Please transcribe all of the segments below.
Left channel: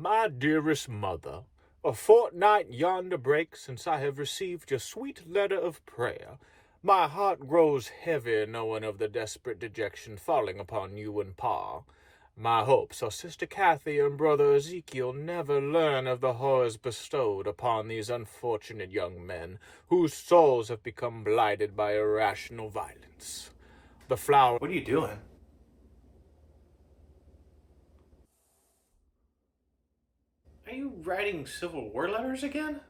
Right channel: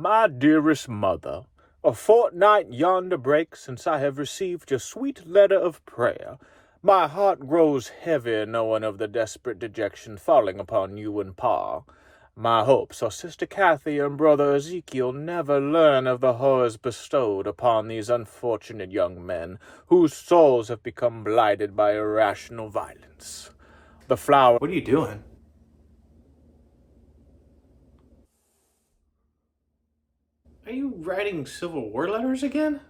My dearest mother, a fortnight yonder breaks since I have received your sweet letter of prayer. My heart grows heavy knowing of the desperate dejection falling upon you and Pa. My hopes are Sister Kathy and Brother Ezekiel never learn of the horrors bestowed upon these unfortunate young men, whose souls have become blighted by irrational violence. The flower... What are you doing? Are you writing Civil War letters again?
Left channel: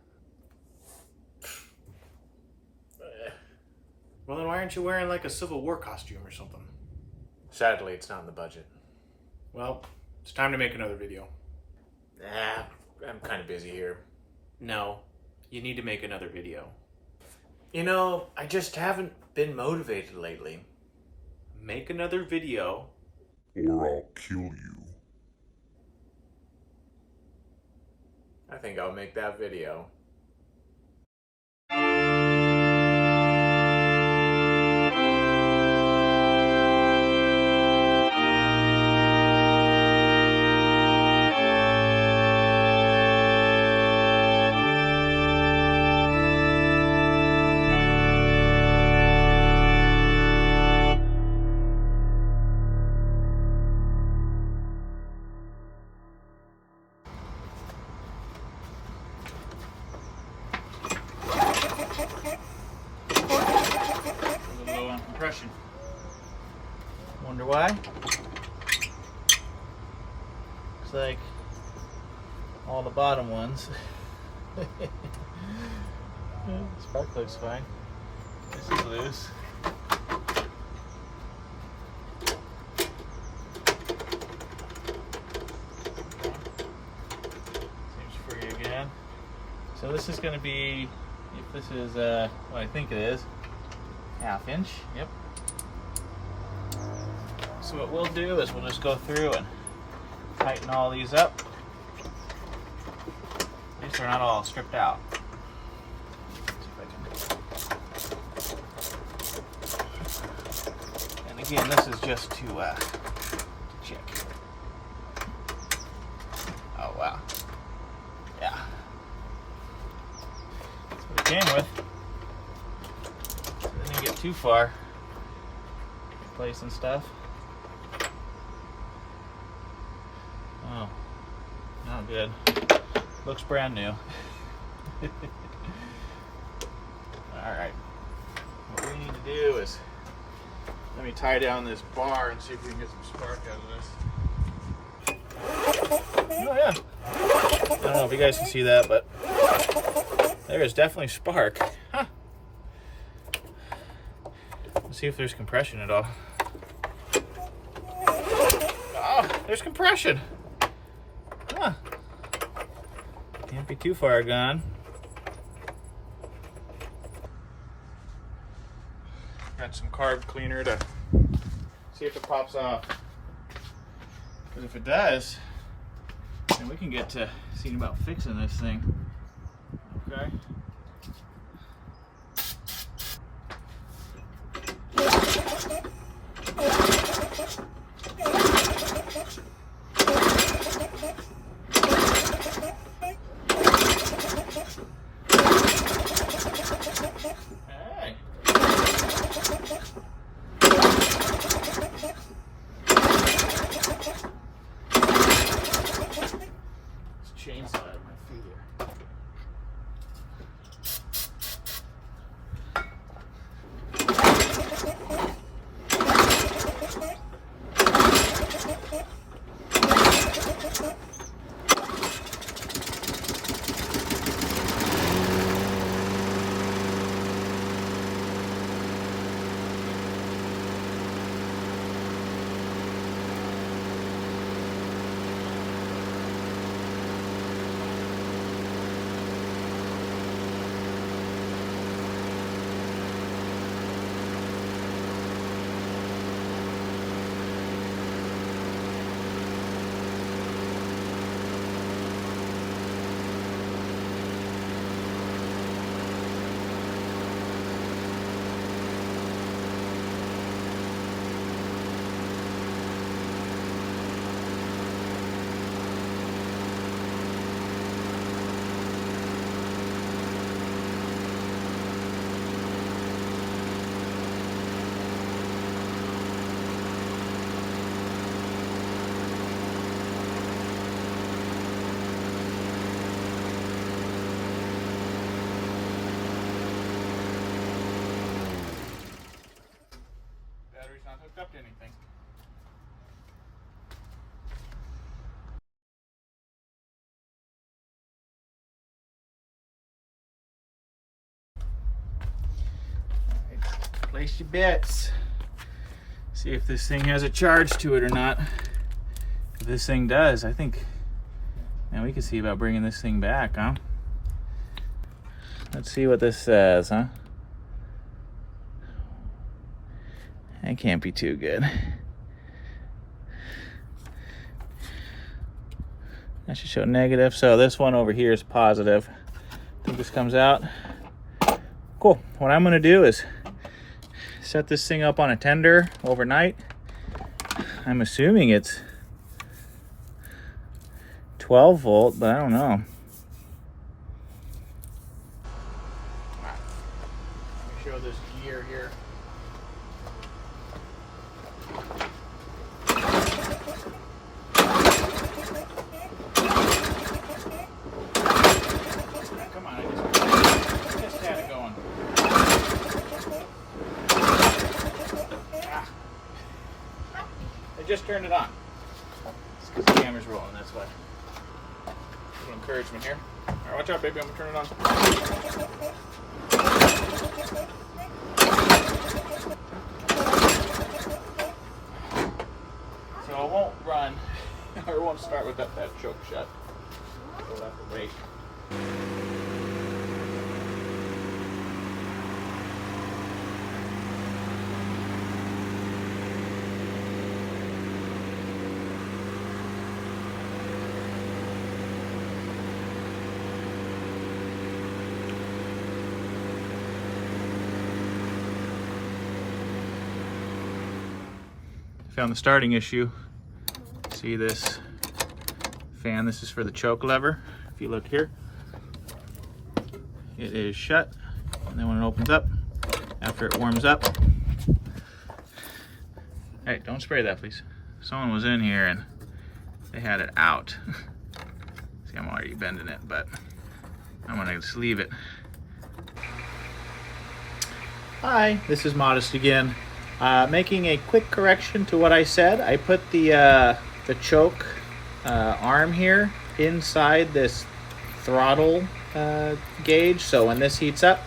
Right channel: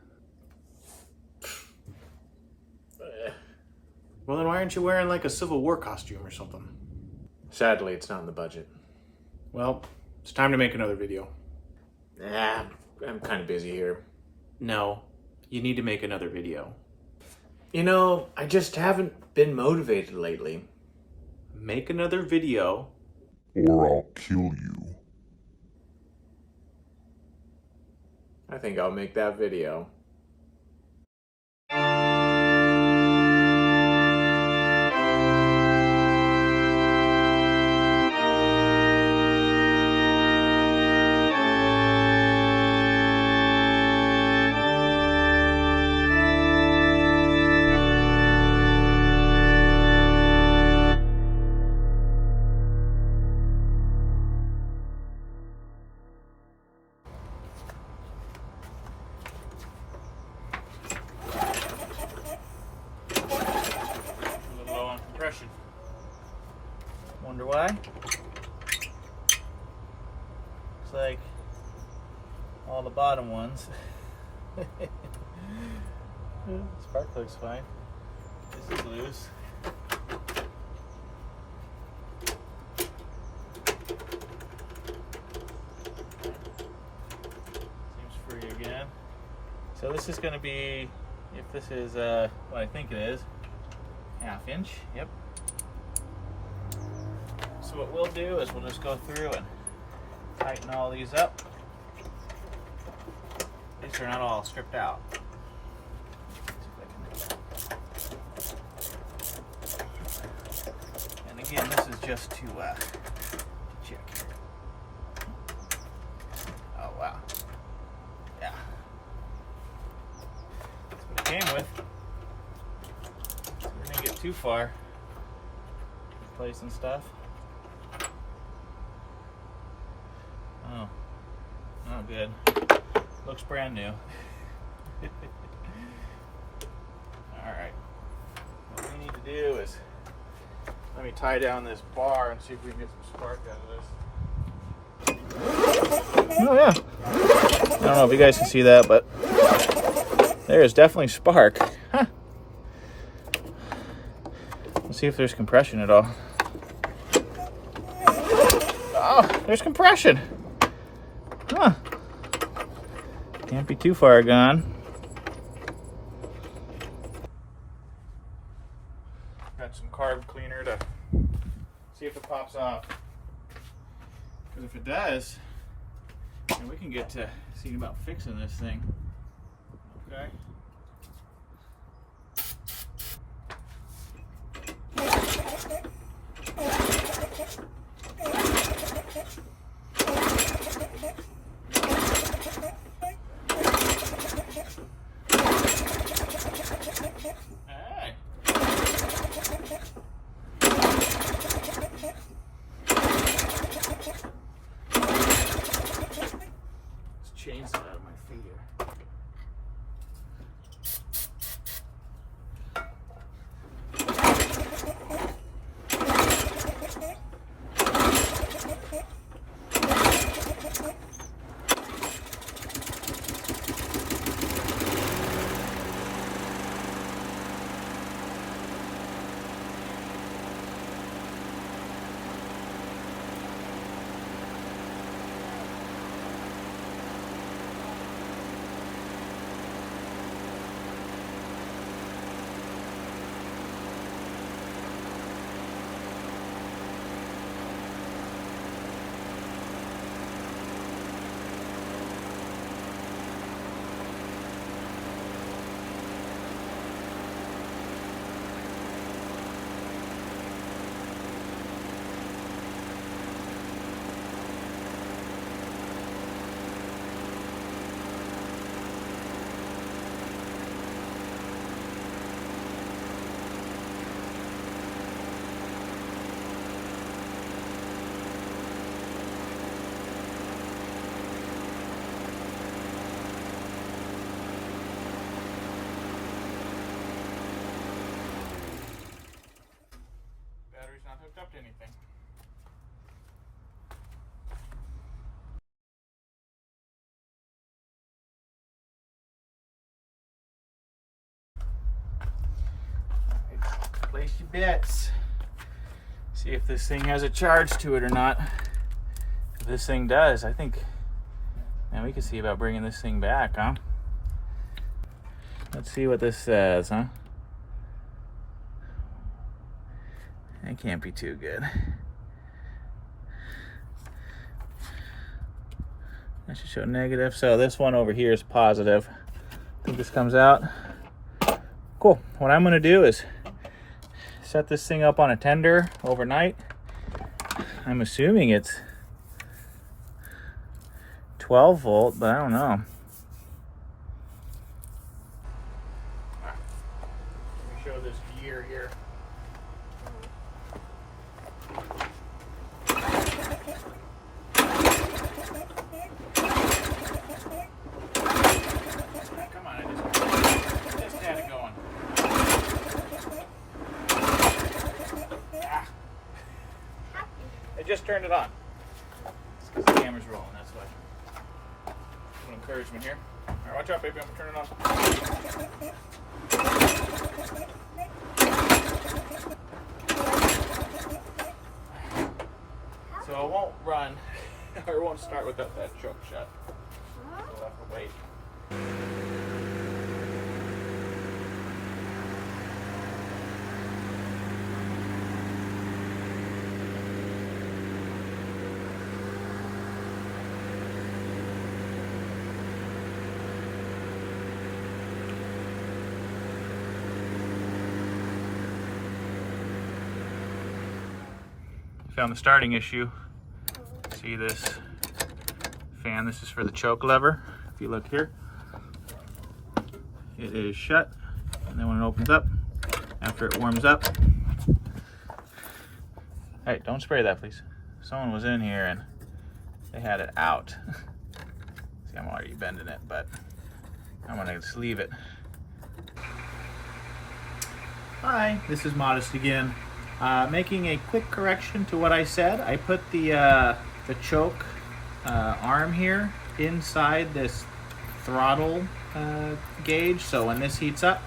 Well, then why aren't you wearing like a Civil War costume or something? Sadly, it's not in the budget. Well, it's time to make another video. I'm kind of busy here. No, you need to make another video. You know, I just haven't been motivated lately. Make another video. Or I'll kill you. I think I'll make that video. Wonder why? Looks like all the bottom ones. Spark looks fine. This is loose. Seems free again. So this is going to be, if this is what I think it is, 1/2 inch. Yep. So what we'll do is we'll just go through and tighten all these up. At least they're not all stripped out. And again, this is just to check. Oh wow. Yeah. That's what it came with. So they didn't get too far replacing stuff. Oh, not good. Looks brand new. Alright. What we need to do is, let me tie down this bar and see if we can get some spark out of this. Oh yeah. I don't know if you guys can see that, but there is definitely spark. Huh. Let's see if there's compression at all. Oh, there's compression. Huh. Can't be too far gone. Got some carb cleaner to see if it pops off. Because if it does, then we can get to seeing about fixing this thing. Okay. Chainsaw out of my feet here. hooked up to anything. Place your bets. See if this thing has a charge to it or not. If this thing does, I think, man, we can see about bringing this thing back, huh? Let's see what this says, huh? That can't be too good. That should show negative. So this one over here is positive. I think this comes out. Cool. What I'm gonna do is set this thing up on a tender overnight. I'm assuming it's 12 volt, but I don't know. All right. Let me show this gear here. Come on, I just had it going. I just turned it on. It's because the camera's rolling, that's why. A little encouragement here. All right, watch out, baby, I'm gonna turn it on. So it won't run, or it won't start with that choke shut. We'll have to wait. Found the starting issue. See this fan? This is for the choke lever. If you look here, it is shut, and then when it opens up, after it warms up, hey, don't spray that, please. Someone was in here and they had it out. See, I'm already bending it, but I'm gonna just leave it. Hi, this is Modest again. Making a quick correction to what I said. I put the choke arm here inside this throttle gauge, so when this heats up,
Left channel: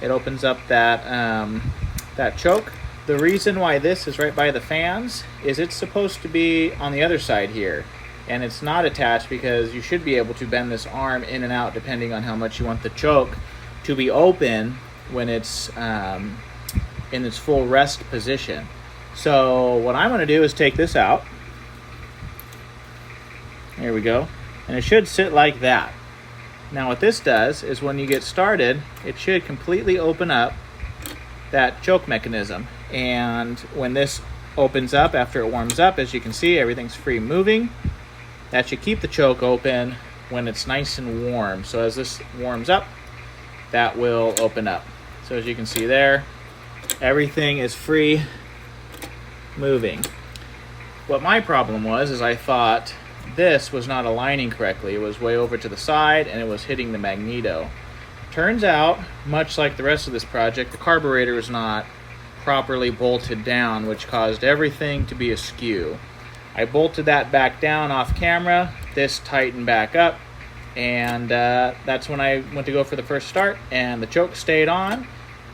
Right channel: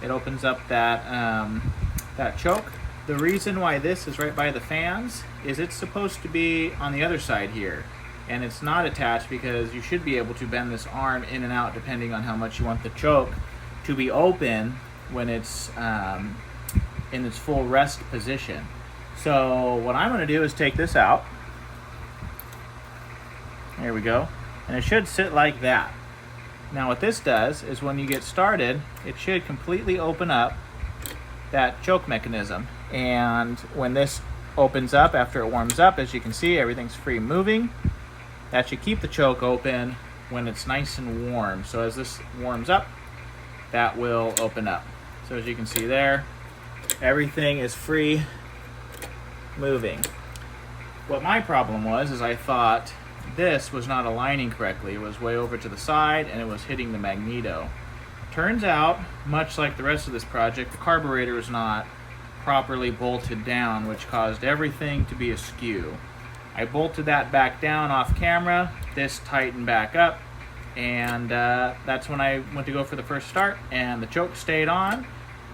it opens up that choke. The reason why this is right by the fans is it's supposed to be on the other side here, and it's not attached because you should be able to bend this arm in and out depending on how much you want the choke to be open when it's in its full rest position. So what I'm going to do is take this out. There we go. And it should sit like that. Now what this does is when you get started, it should completely open up that choke mechanism. And when this opens up after it warms up, as you can see, everything's free moving. That should keep the choke open when it's nice and warm. So as this warms up, that will open up. So as you can see there, everything is free moving. What my problem was is I thought this was not aligning correctly. It was way over to the side and it was hitting the magneto. Turns out, much like the rest of this project, the carburetor was not properly bolted down, which caused everything to be askew. I bolted that back down off camera, this tightened back up, and that's when I went to go for the first start, and the choke stayed on,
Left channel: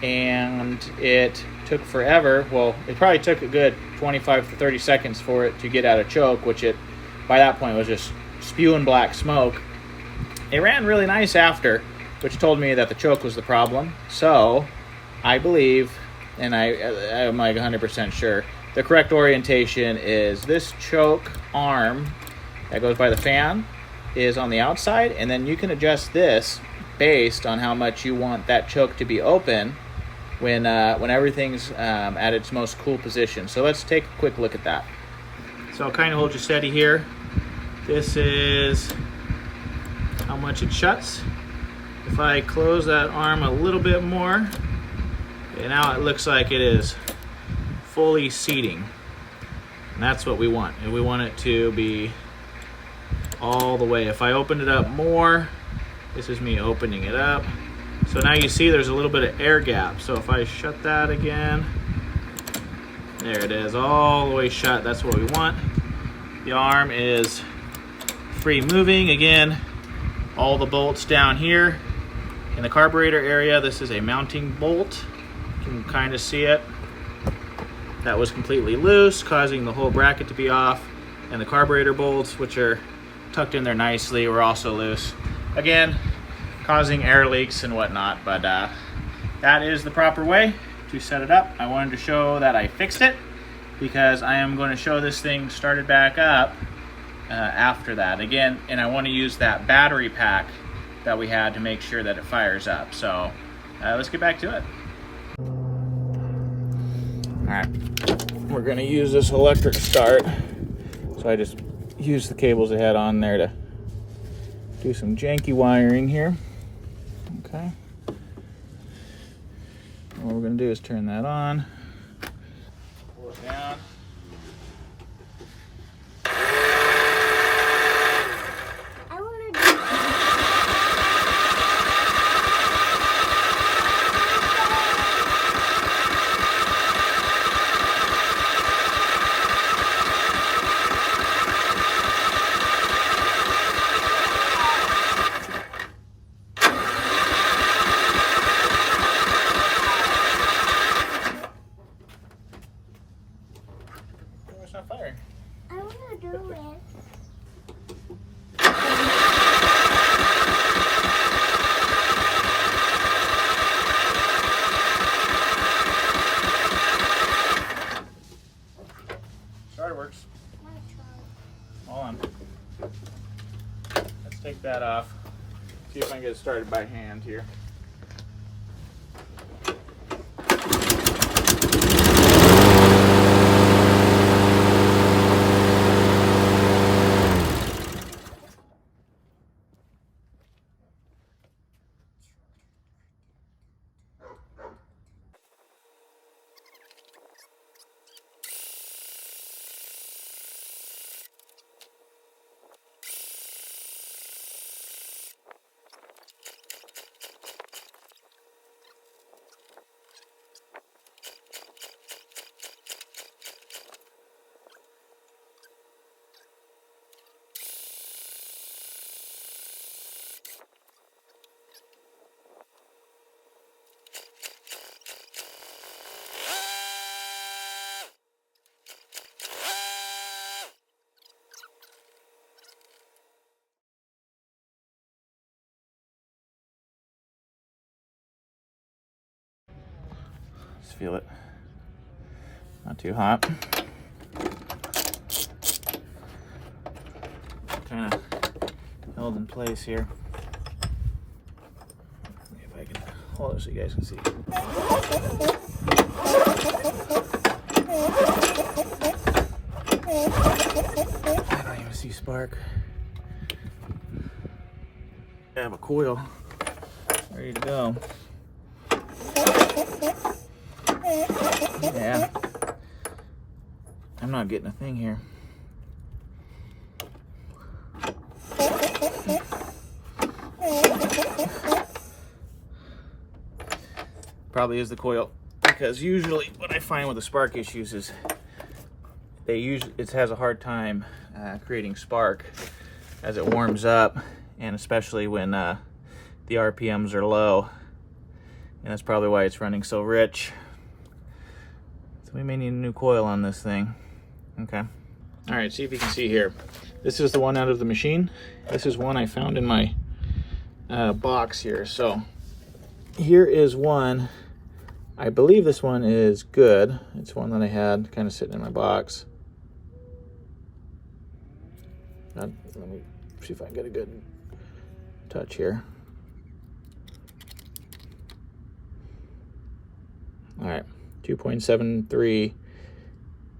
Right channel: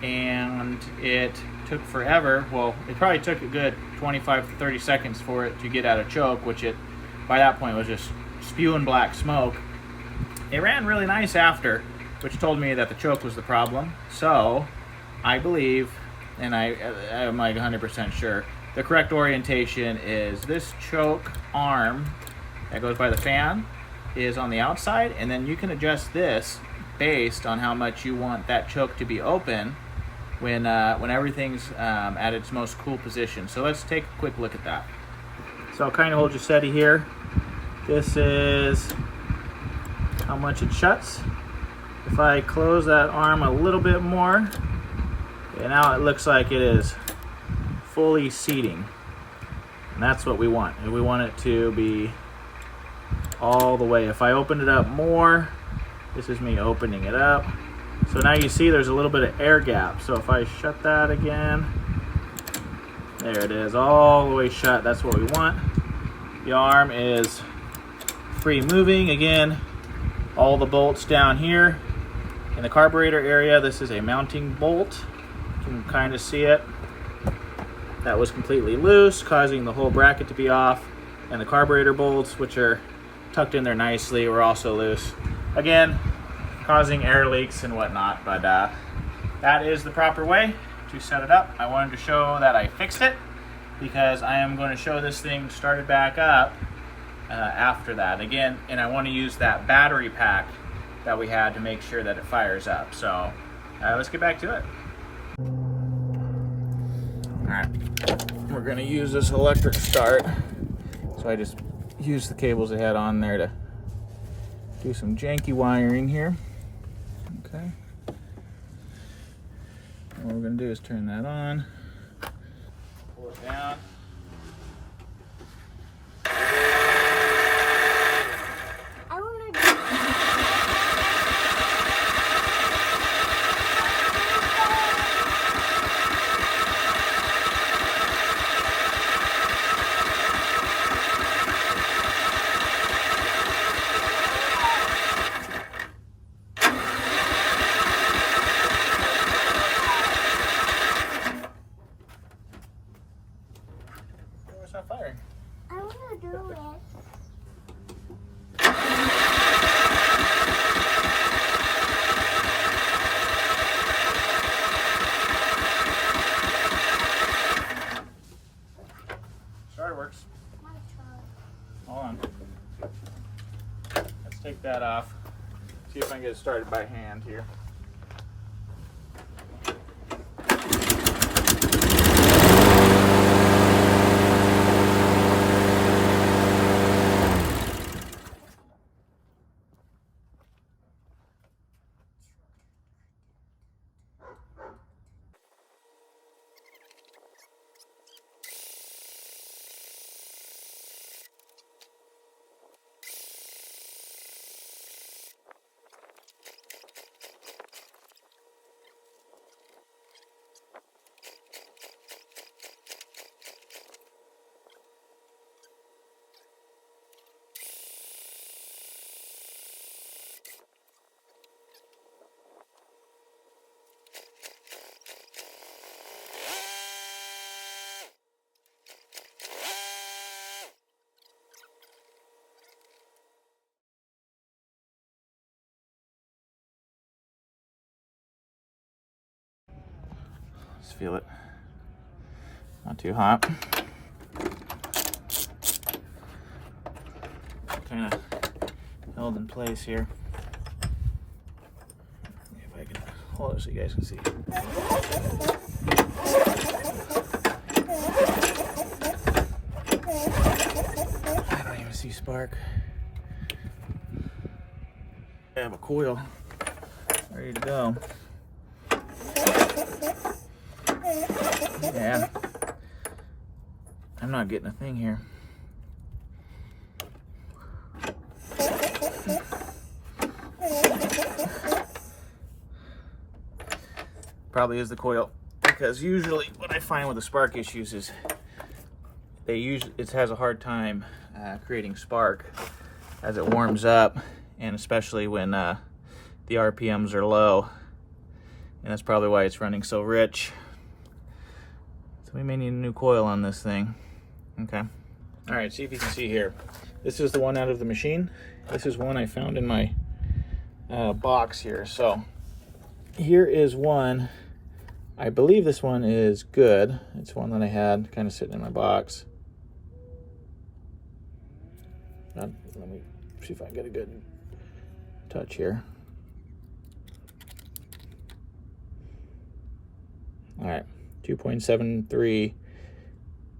and it took forever. Well, it probably took a good 25 to 30 seconds for it to get out of choke, which it, by that point, was just spewing black smoke. It ran really nice after, which told me that the choke was the problem. So, I believe, and I'm like 100% sure, the correct orientation is this choke arm that goes by the fan is on the outside, and then you can adjust this based on how much you want that choke to be open when everything's at its most cool position. So let's take a quick look at that. So I'll kind of hold you steady here. This is how much it shuts. If I close that arm a little bit more, and now it looks like it is fully seating. And that's what we want. And we want it to be all the way. If I open it up more, this is me opening it up. So now you see there's a little bit of air gap. So if I shut that again, There it is, all the way shut. That's what we want. The arm is free moving. Again, all the bolts down here in the carburetor area. This is a mounting bolt. You can kind of see it. That was completely loose, causing the whole bracket to be off. And the carburetor bolts, which are tucked in there nicely, were also loose. Again, causing air leaks and whatnot, but that is the proper way to set it up. I wanted to show that I fixed it because I am going to show this thing started back up after that. Again, and I want to use that battery pack that we had to make sure that it fires up. So let's get back to it. All right, we're going to use this electric start. So I just used the cables I had on there to do some janky wiring here. Okay. What we're going to do is turn that on, pull it down. It's not firing. I want to do it. Starter works. My child. Hold on. Let's take that off. See if I can get it started by hand here. Let's feel it. Not too hot. Kind of held in place here. See if I can hold it so you guys can see. I don't even see spark. I have a coil ready to go. Yeah, I'm not getting a thing here. Probably is the coil, because usually what I find with the spark issues is it has a hard time creating spark as it warms up, and especially when the RPMs are low, and that's probably why it's running so rich. So we may need a new coil on this thing. Okay. All right, see if you can see here. This is the one out of the machine. This is one I found in my box here. So here is one. I believe this one is good. It's one that I had kind of sitting in my box. Let me see if I can get a good touch here. All right, 2.73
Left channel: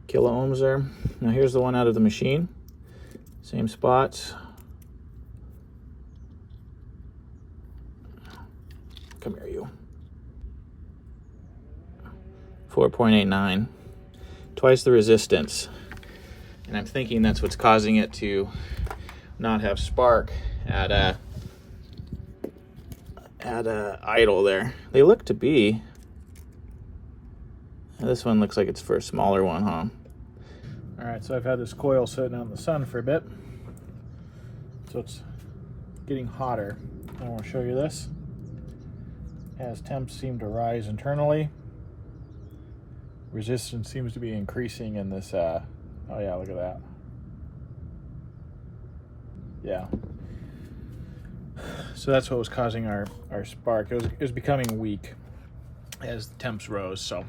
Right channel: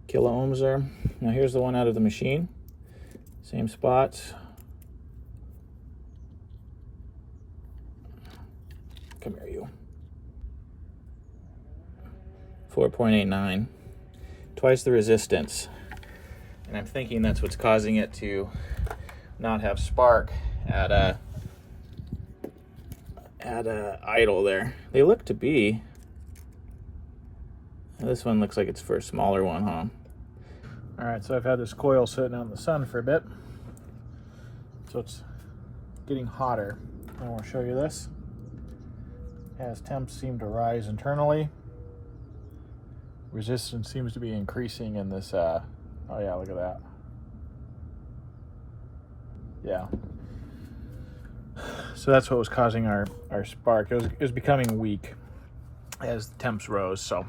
kilo ohms there. Now here's the one out of the machine. Same spots. Come here, you. 4.89, twice the resistance. And I'm thinking that's what's causing it to not have spark at idle there. They look to be This one looks like it's for a smaller one, huh? All right, so I've had this coil sitting out in the sun for a bit. So it's getting hotter. I want to show you this. As temps seem to rise internally, resistance seems to be increasing in this, oh yeah, look at that. Yeah. So that's what was causing our spark. It was becoming weak as the temps rose. So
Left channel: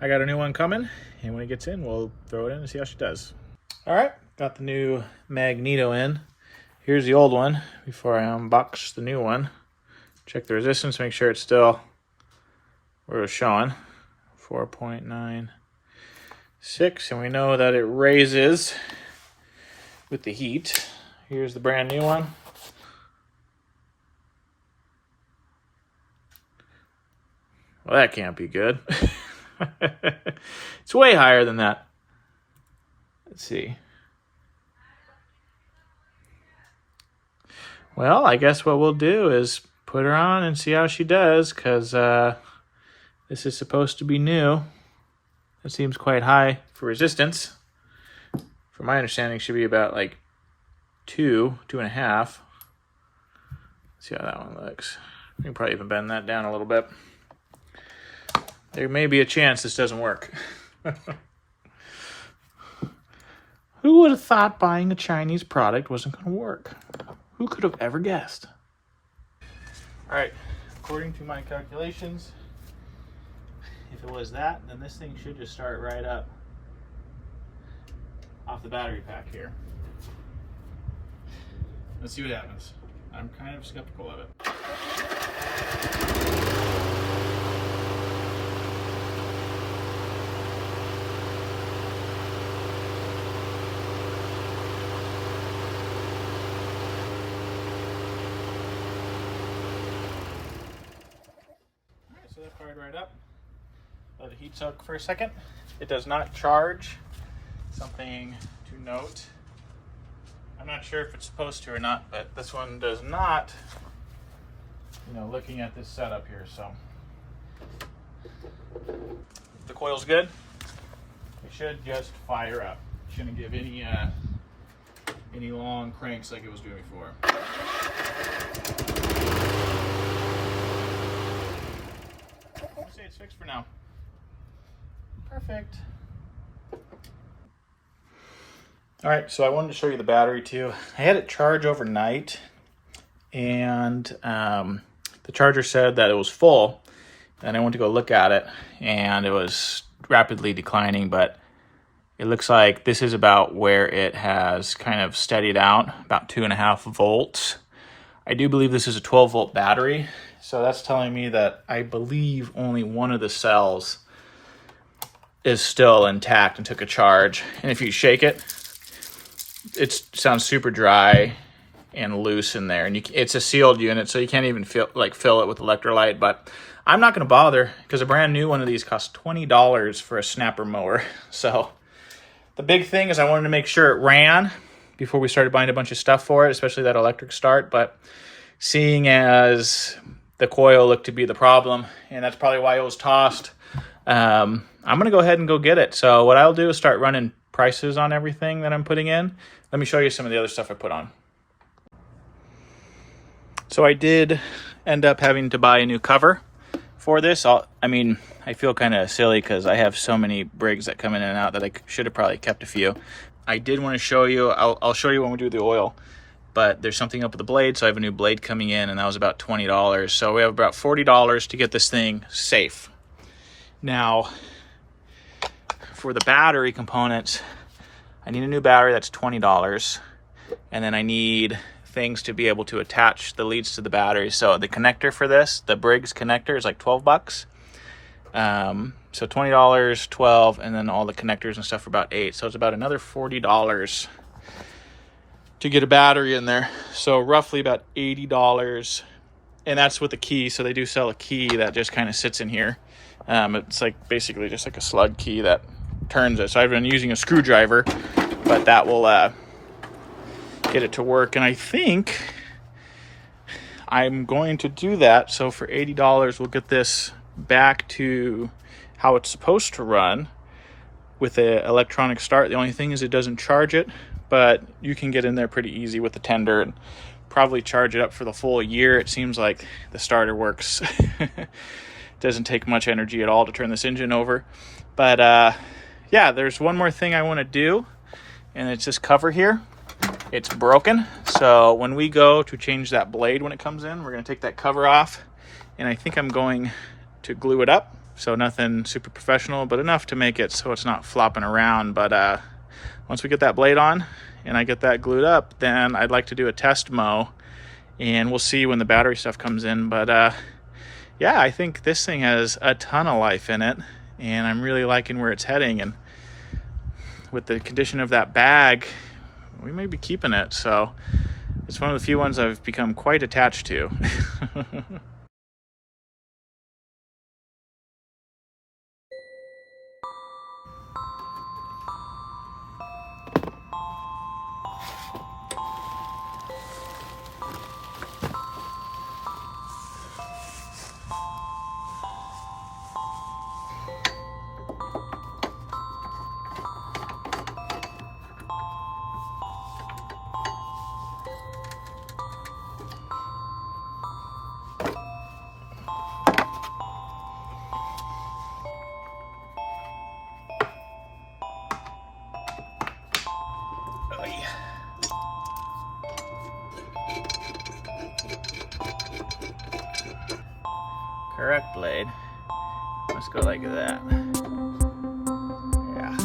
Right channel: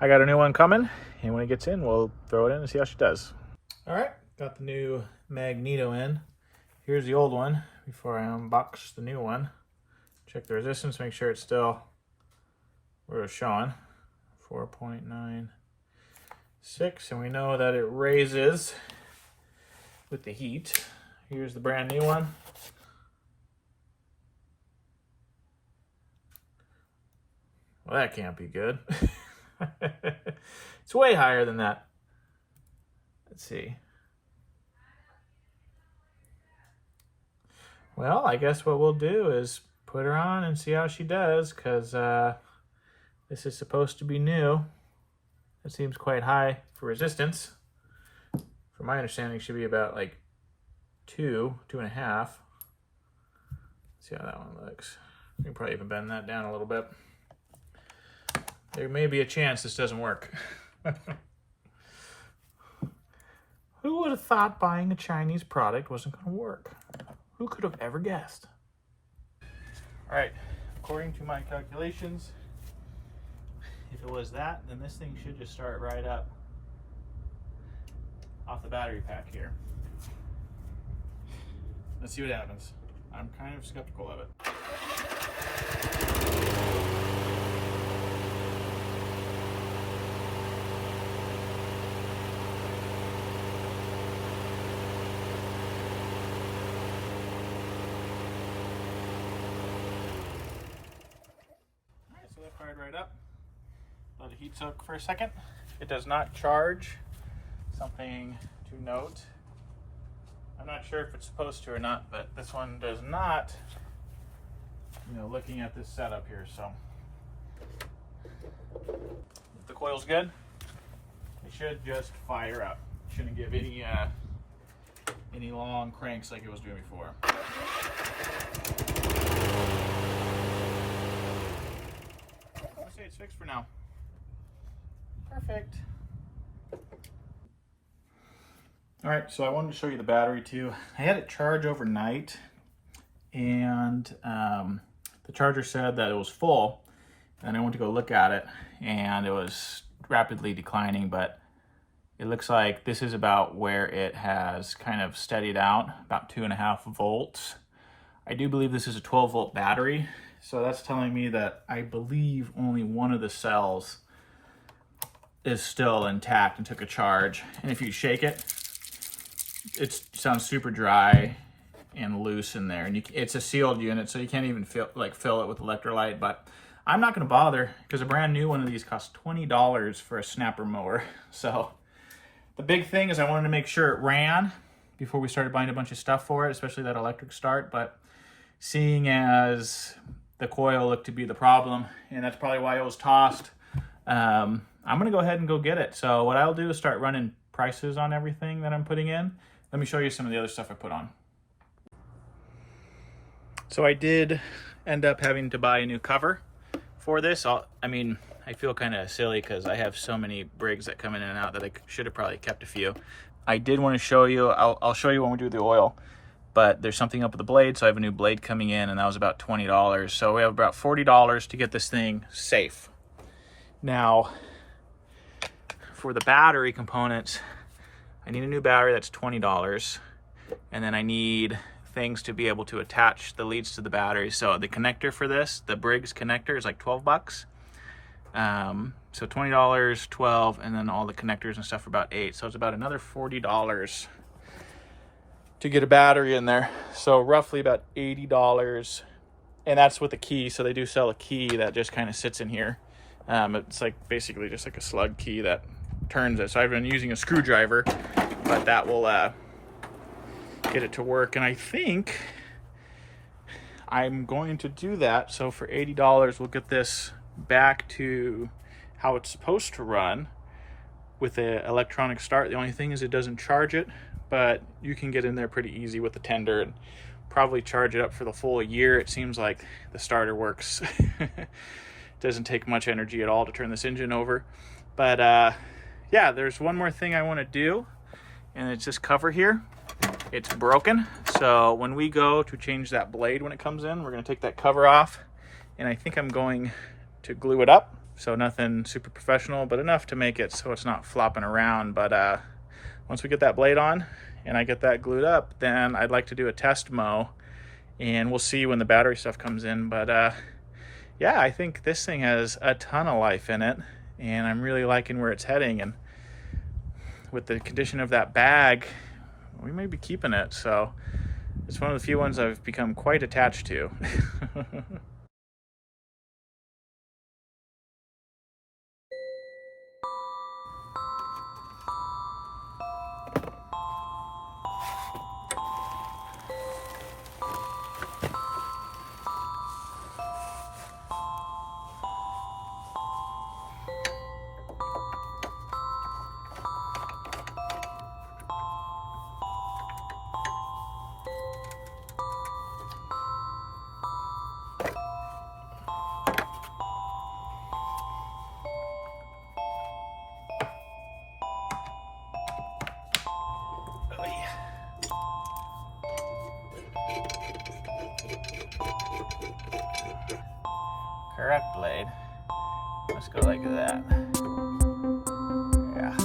I got a new one coming, and when it gets in, we'll throw it in and see how she does. All right, got the new magneto in. Here's the old one before I unbox the new one. Check the resistance, make sure it's still where it was showing. 4.96, and we know that it raises with the heat. Here's the brand new one. Well, that can't be good. It's way higher than that. Let's see. Well, I guess what we'll do is put her on and see how she does, because this is supposed to be new. It seems quite high for resistance. From my understanding, it should be about like 2.5. Let's see how that one looks. We can probably even bend that down a little bit. There may be a chance this doesn't work. Who would have thought buying a Chinese product wasn't going to work? Who could have ever guessed? All right, according to my calculations, if it was that, then this thing should just start right up off the battery pack here. Let's see what happens. I'm kind of skeptical of it. So that fired right up. Let it heat soak for a second. It does not charge. Something to note. I'm not sure if it's supposed to or not, but this one does not. You know, looking at this setup here, so if the coil's good, it should just fire up. Shouldn't give any long cranks like it was doing before. Let's say it's fixed for now. Perfect. All right, so I wanted to show you the battery too. I had it charge overnight, and the charger said that it was full, and I went to go look at it, and it was rapidly declining, but it looks like this is about where it has kind of steadied out, about 2.5 volts. I do believe this is a 12-volt battery, so that's telling me that I believe only one of the cells is still intact and took a charge. And if you shake it, it sounds super dry and loose in there. And it's a sealed unit, so you can't even fill it with electrolyte. But I'm not going to bother, because a brand new one of these costs $20 for a snapper mower. So the big thing is I wanted to make sure it ran before we started buying a bunch of stuff for it, especially that electric start. But seeing as the coil looked to be the problem, and that's probably why it was tossed, I'm going to go ahead and go get it. So what I'll do is start running prices on everything that I'm putting in. Let me show you some of the other stuff I put on. So I did end up having to buy a new cover for this. I feel kind of silly because I have so many Briggs that come in and out that I should have probably kept a few. I did want to show you, I'll show you when we do the oil, but there's something up with the blade, so I have a new blade coming in, and that was about $20. So we have about $40 to get this thing safe. Now, for the battery components, I need a new battery, that's $20. And then I need things to be able to attach the leads to the battery. So the connector for this, the Briggs connector, is like 12 bucks. So $20, 12, and then all the connectors and stuff are about 8. So it's about another $40 to get a battery in there. So roughly about $80. And that's with a key. So they do sell a key that just kind of sits in here. It's like basically just like a slug key that turns it. So I've been using a screwdriver, but that will get it to work. And I think I'm going to do that. So for $80, we'll get this back to how it's supposed to run with the electronic start. The only thing is it doesn't charge it, but you can get in there pretty easy with the tender and probably charge it up for the full year. It seems like the starter works. Doesn't take much energy at all to turn this engine over. But yeah, there's one more thing I want to do, and it's this cover here. It's broken, so when we go to change that blade when it comes in, we're going to take that cover off, and I think I'm going to glue it up. So nothing super professional, but enough to make it so it's not flopping around. But once we get that blade on and I get that glued up, then I'd like to do a test mow, and we'll see when the battery stuff comes in. But yeah, I think this thing has a ton of life in it, and I'm really liking where it's heading. And with the condition of that bag, we may be keeping it. So it's one of the few ones I've become quite attached to. Correct blade. Let's go like that. Yeah.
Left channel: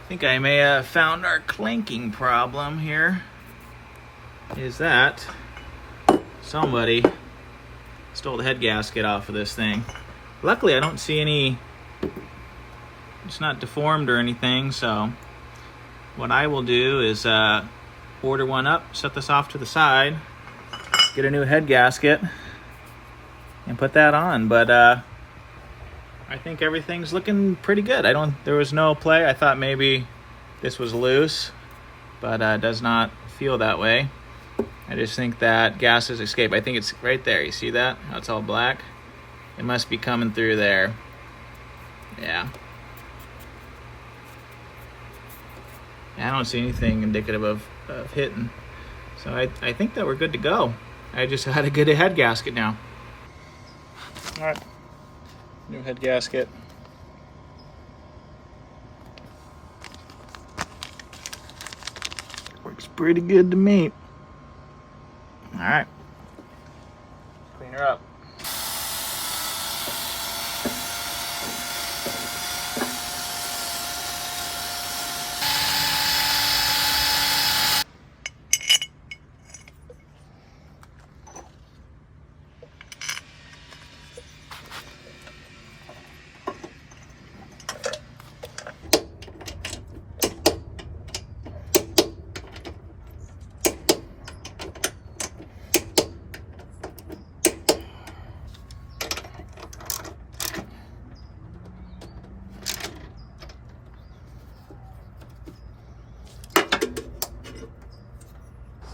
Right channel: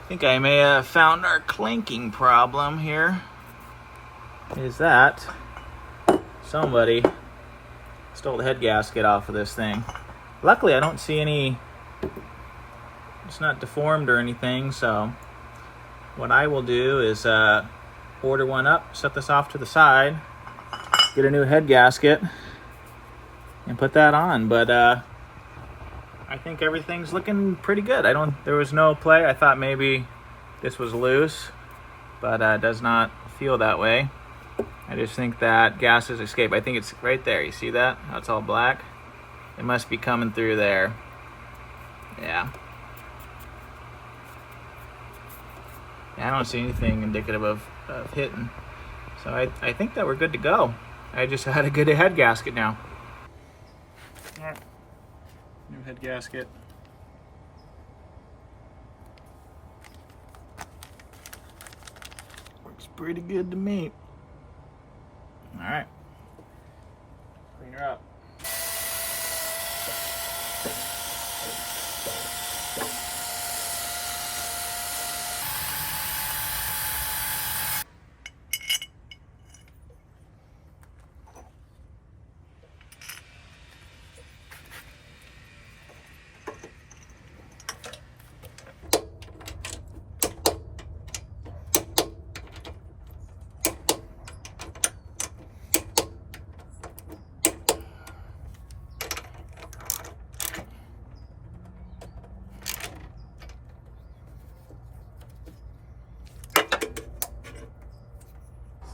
I think I may have found our clanking problem here. Is that somebody stole the head gasket off of this thing. Luckily, I don't see any, it's not deformed or anything, so what I will do is order one up, set this off to the side, get a new head gasket, and put that on. But I think everything's looking pretty good. There was no play. I thought maybe this was loose, but it does not feel that way. I just think that gas has escaped. I think it's right there. You see that? How it's all black? It must be coming through there. Yeah. I don't see anything indicative of hitting. So I think that we're good to go. I just had a good head gasket now. All right, new head gasket. Works pretty good to me. All right, clean her up.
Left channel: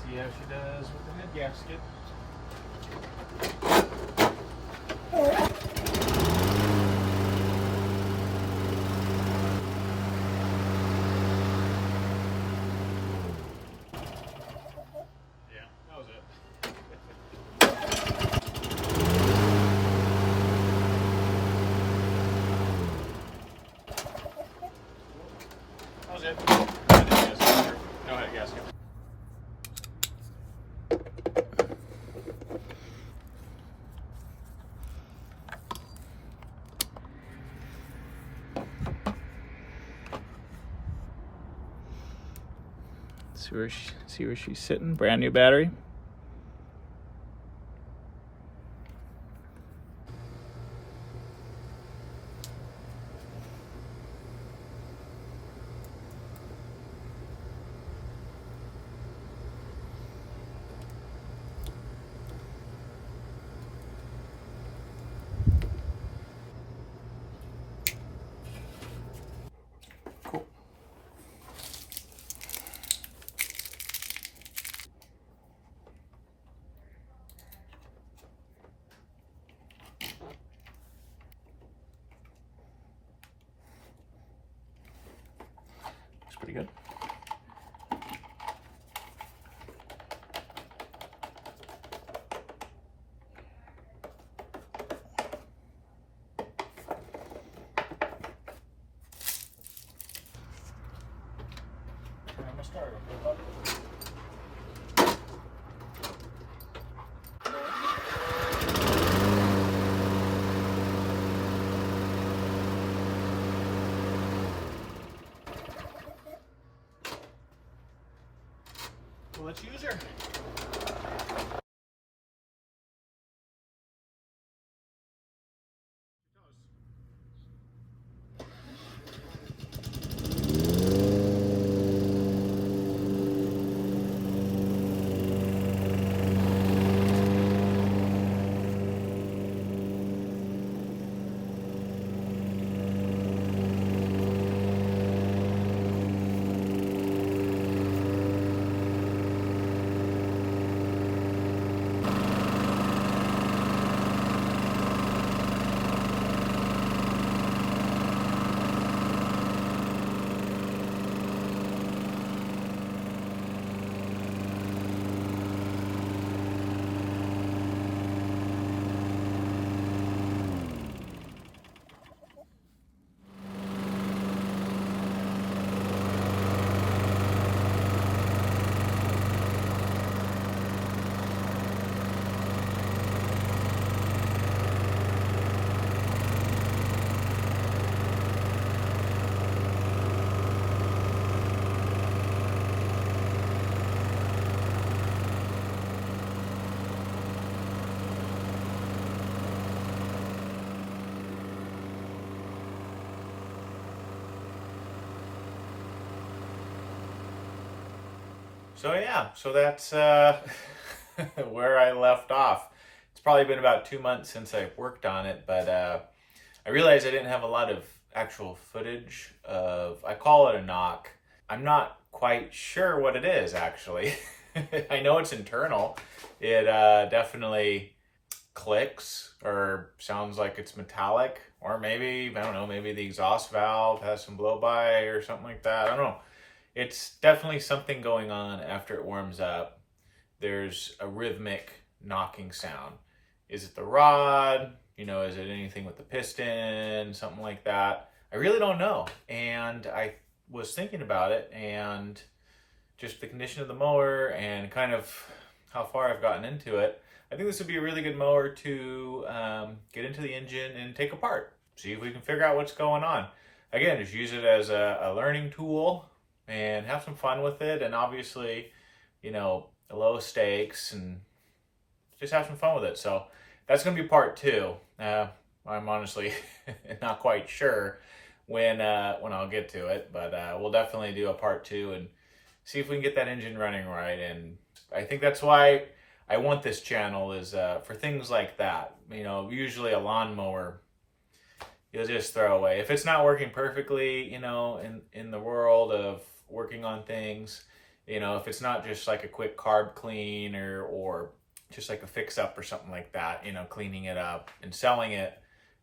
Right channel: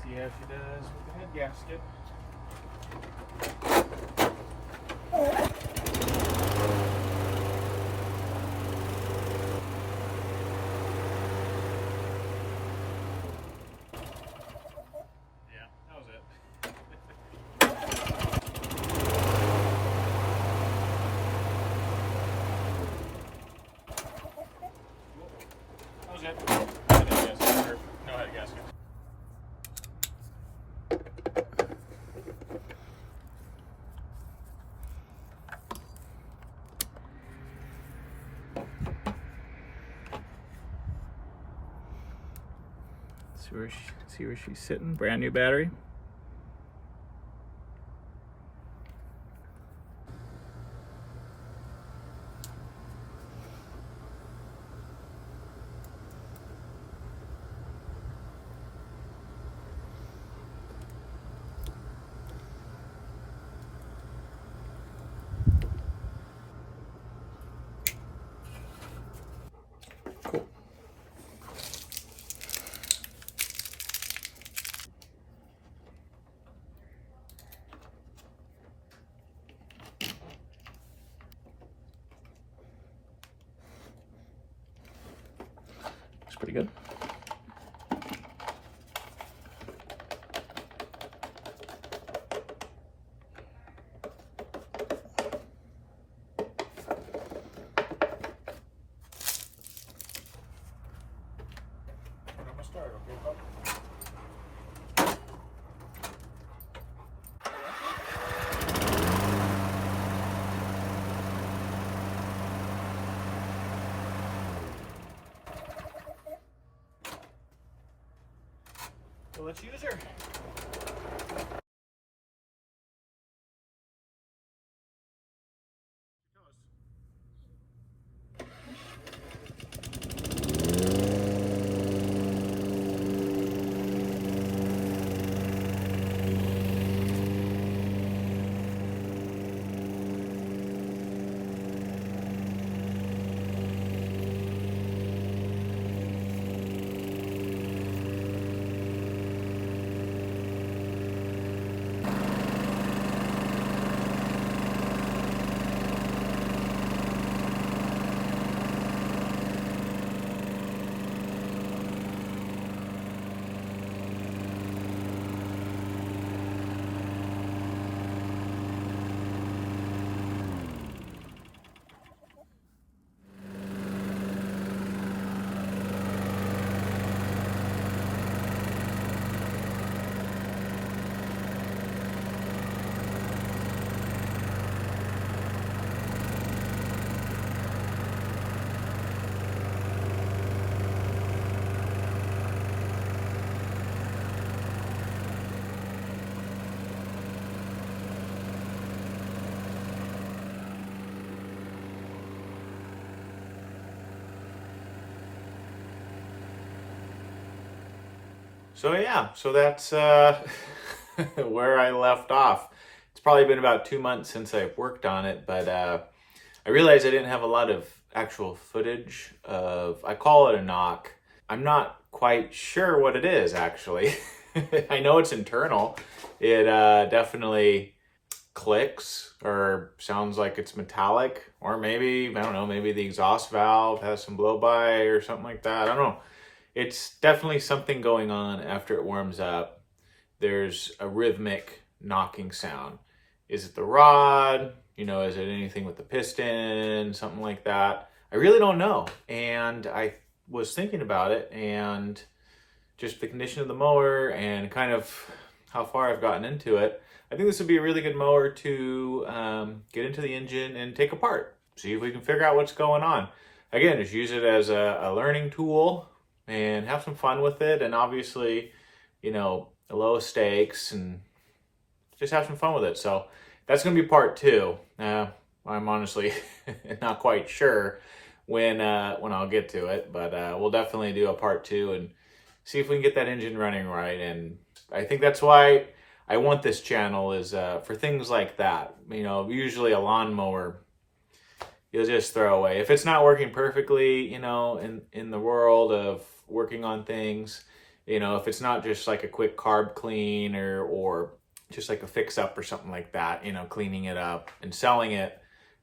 See how she does with the head gasket. Yeah, that was it. That was it. No head gasket. No head gasket. See where she's sitting. Brand new battery. Cool. Looks pretty good. Turn on my starter, okay, bud? Well, let's use her. So yeah, so that's where I left off. It's probably been about 2 months since I worked on it, but I realized I didn't have a lot of actual footage of, I call it a knock. I'm not quite sure what it is actually. I know it's internal. It definitely clicks or sounds like it's metallic, or maybe, I don't know, maybe the exhaust valve has some blow by or something like that. I don't know. it's definitely something going on after it warms up. There's a rhythmic knocking sound. Is it the rod? You know, is it anything with the piston? Something like that. I really don't know. And I was thinking about it, and just the condition of the mower and kind of how far I've gotten into it, I think this would be a really good mower to get into the engine and take apart. See if we can figure out what's going on. Again, just use it as a learning tool and have some fun with it. And obviously, you know, low stakes and just have some fun with it. So that's going to be part 2. I'm honestly not quite sure when I'll get to it, but we'll definitely do a part 2 and see if we can get that engine running right. And I think that's why I want this channel, is for things like that. You know, usually a lawnmower you'll just throw away. If it's not working perfectly, you know, in the world of working on things, you know, if it's not just like a quick carb clean or just like a fix up or something like that, you know, cleaning it up and selling it,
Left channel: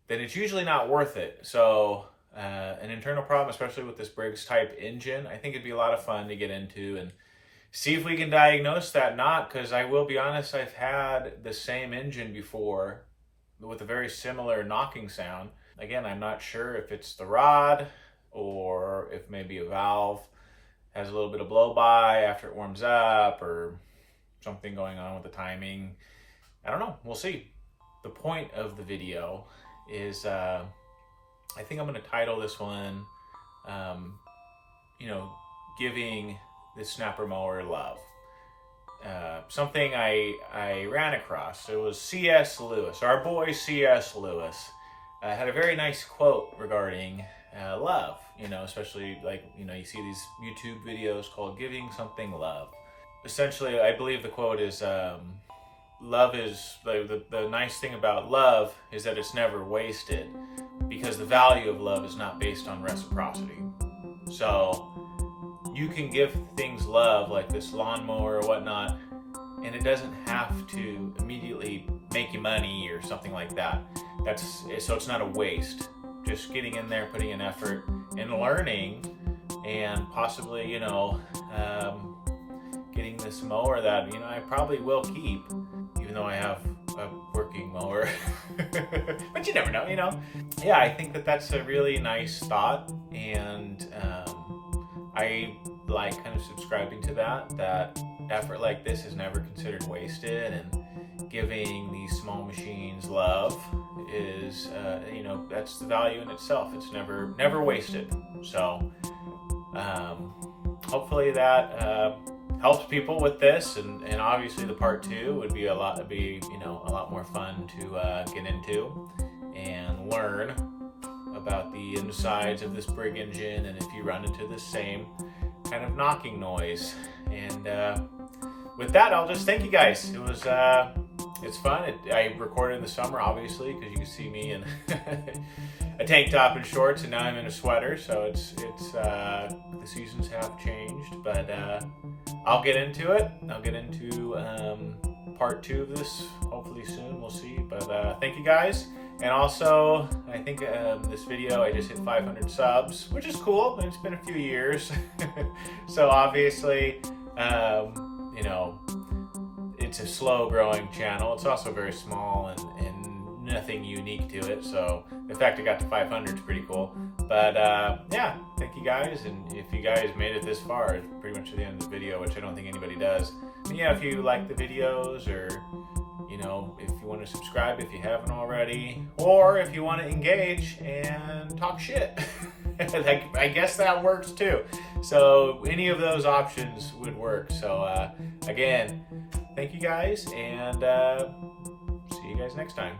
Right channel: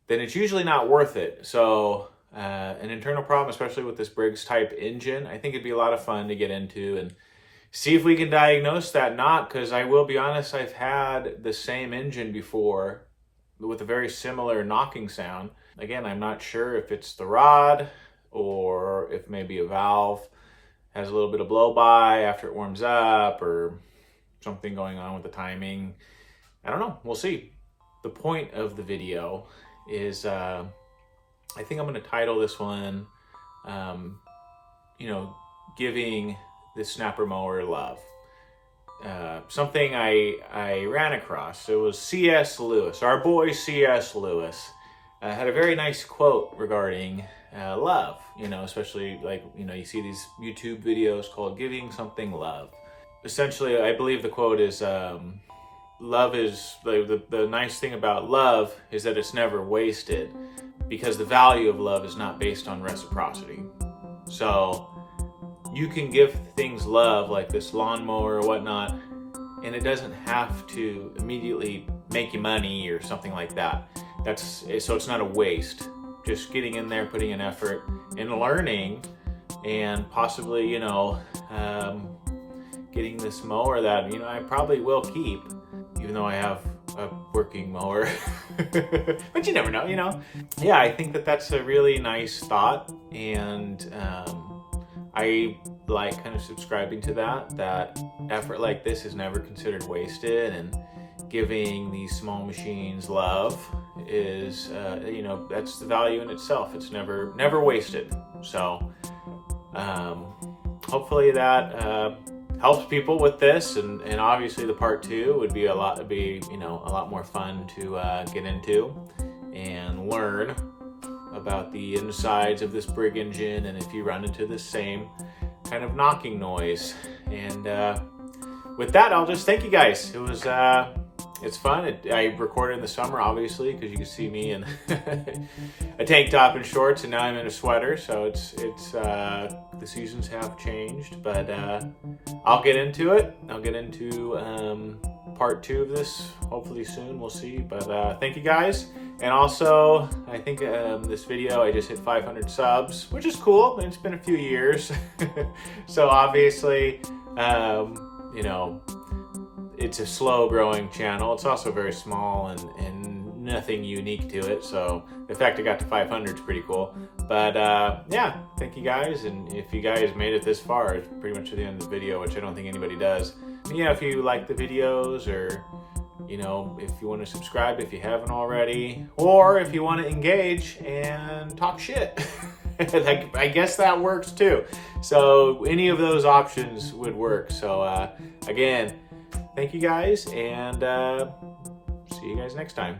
then it's usually not worth it. So an internal problem, especially with this Briggs type engine, I think it'd be a lot of fun to get into and see if we can diagnose that knot, because I will be honest, I've had the same engine before with a very similar knocking sound. Again, I'm not sure if it's the rod or if maybe a valve has a little bit of blow by after it warms up, or something going on with the timing. I don't know. We'll see. The point of the video is, I think I'm going to title this one, you know, giving the snapper mower love. Something I ran across. It was C.S. Lewis, our boy C.S. Lewis, had a very nice quote regarding love. You know, especially like, you know, you see these YouTube videos called "Giving Something Love." Essentially, I believe the quote is, "Love is the nice thing about love is that it's never wasted, because the value of love is not based on reciprocity." So you can give things love like this lawnmower or whatnot, and it doesn't have to immediately make you money or something like that. So it's not a waste. Just getting in there, putting in effort and learning, and possibly, you know, getting this mower that, you know, I probably will keep, even though I have a working mower. But you never know, you know. Yeah, I think that that's a really nice thought, and I like kind of subscribing to that effort like this is never considered wasted, and giving these small machines love is, you know, that's the value in itself. It's never wasted. So hopefully that helps people with this, and obviously the part 2 would be a lot more fun to get into and learn about the insides of this Briggs engine, and if you run into the same kind of knocking noise. And with that, I'll just thank you guys. It was it's fun. I recorded in the summer, obviously, because you can see me in a tank top and shorts, and now I'm in a sweater. So it's the seasons have changed, but I'll get into it. I'll get into part 2 of this hopefully soon. We'll see. But thank you guys. And also, I think this video, I just hit 500 subs, which is cool. It's been a few years. So obviously, you know, it's a slow growing channel. It's also very small and nothing unique to it. So the fact I got to 500 is pretty cool. But yeah, thank you guys. And if you guys made it this far, it's pretty much to the end of the video, which I don't think anybody does. And yeah, if you like the videos, or, you know, if you want to subscribe if you haven't already, or if you want to engage and talk shit, I guess that works too. So any of those options would work. So again, thank you guys, and see you guys next time.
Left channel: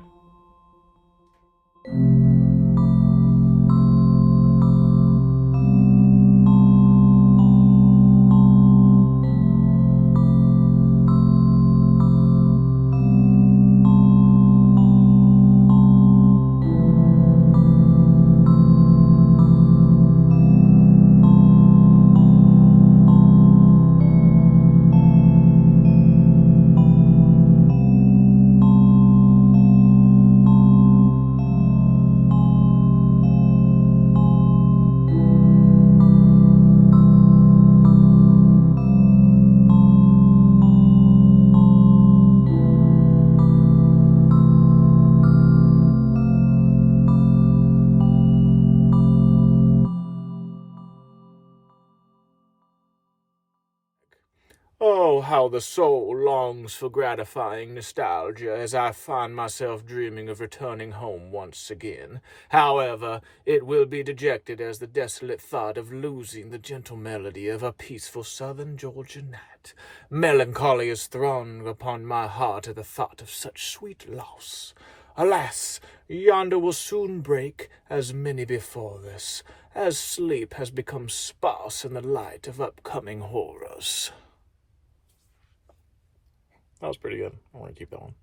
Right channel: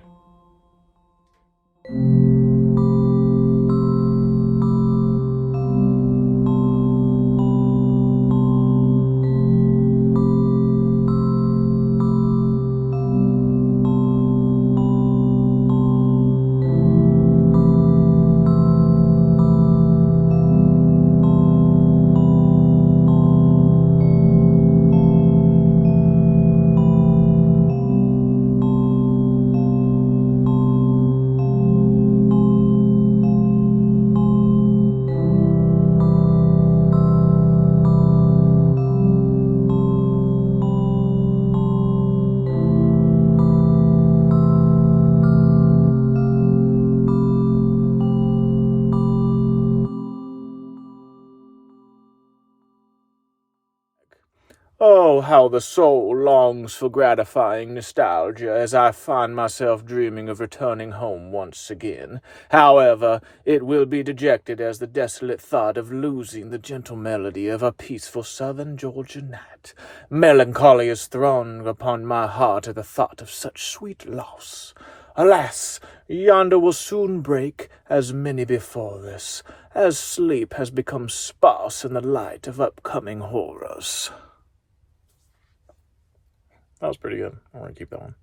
Oh, how the soul longs for gratifying nostalgia as I find myself dreaming of returning home once again. However, it will be dejected as the desolate thought of losing the gentle melody of a peaceful southern Georgia night. Melancholy is thrown upon my heart at the thought of such sweet loss. Alas, yonder will soon break, as many before this, as sleep has become sparse in the light of upcoming horrors. That was pretty good. I want to keep that one.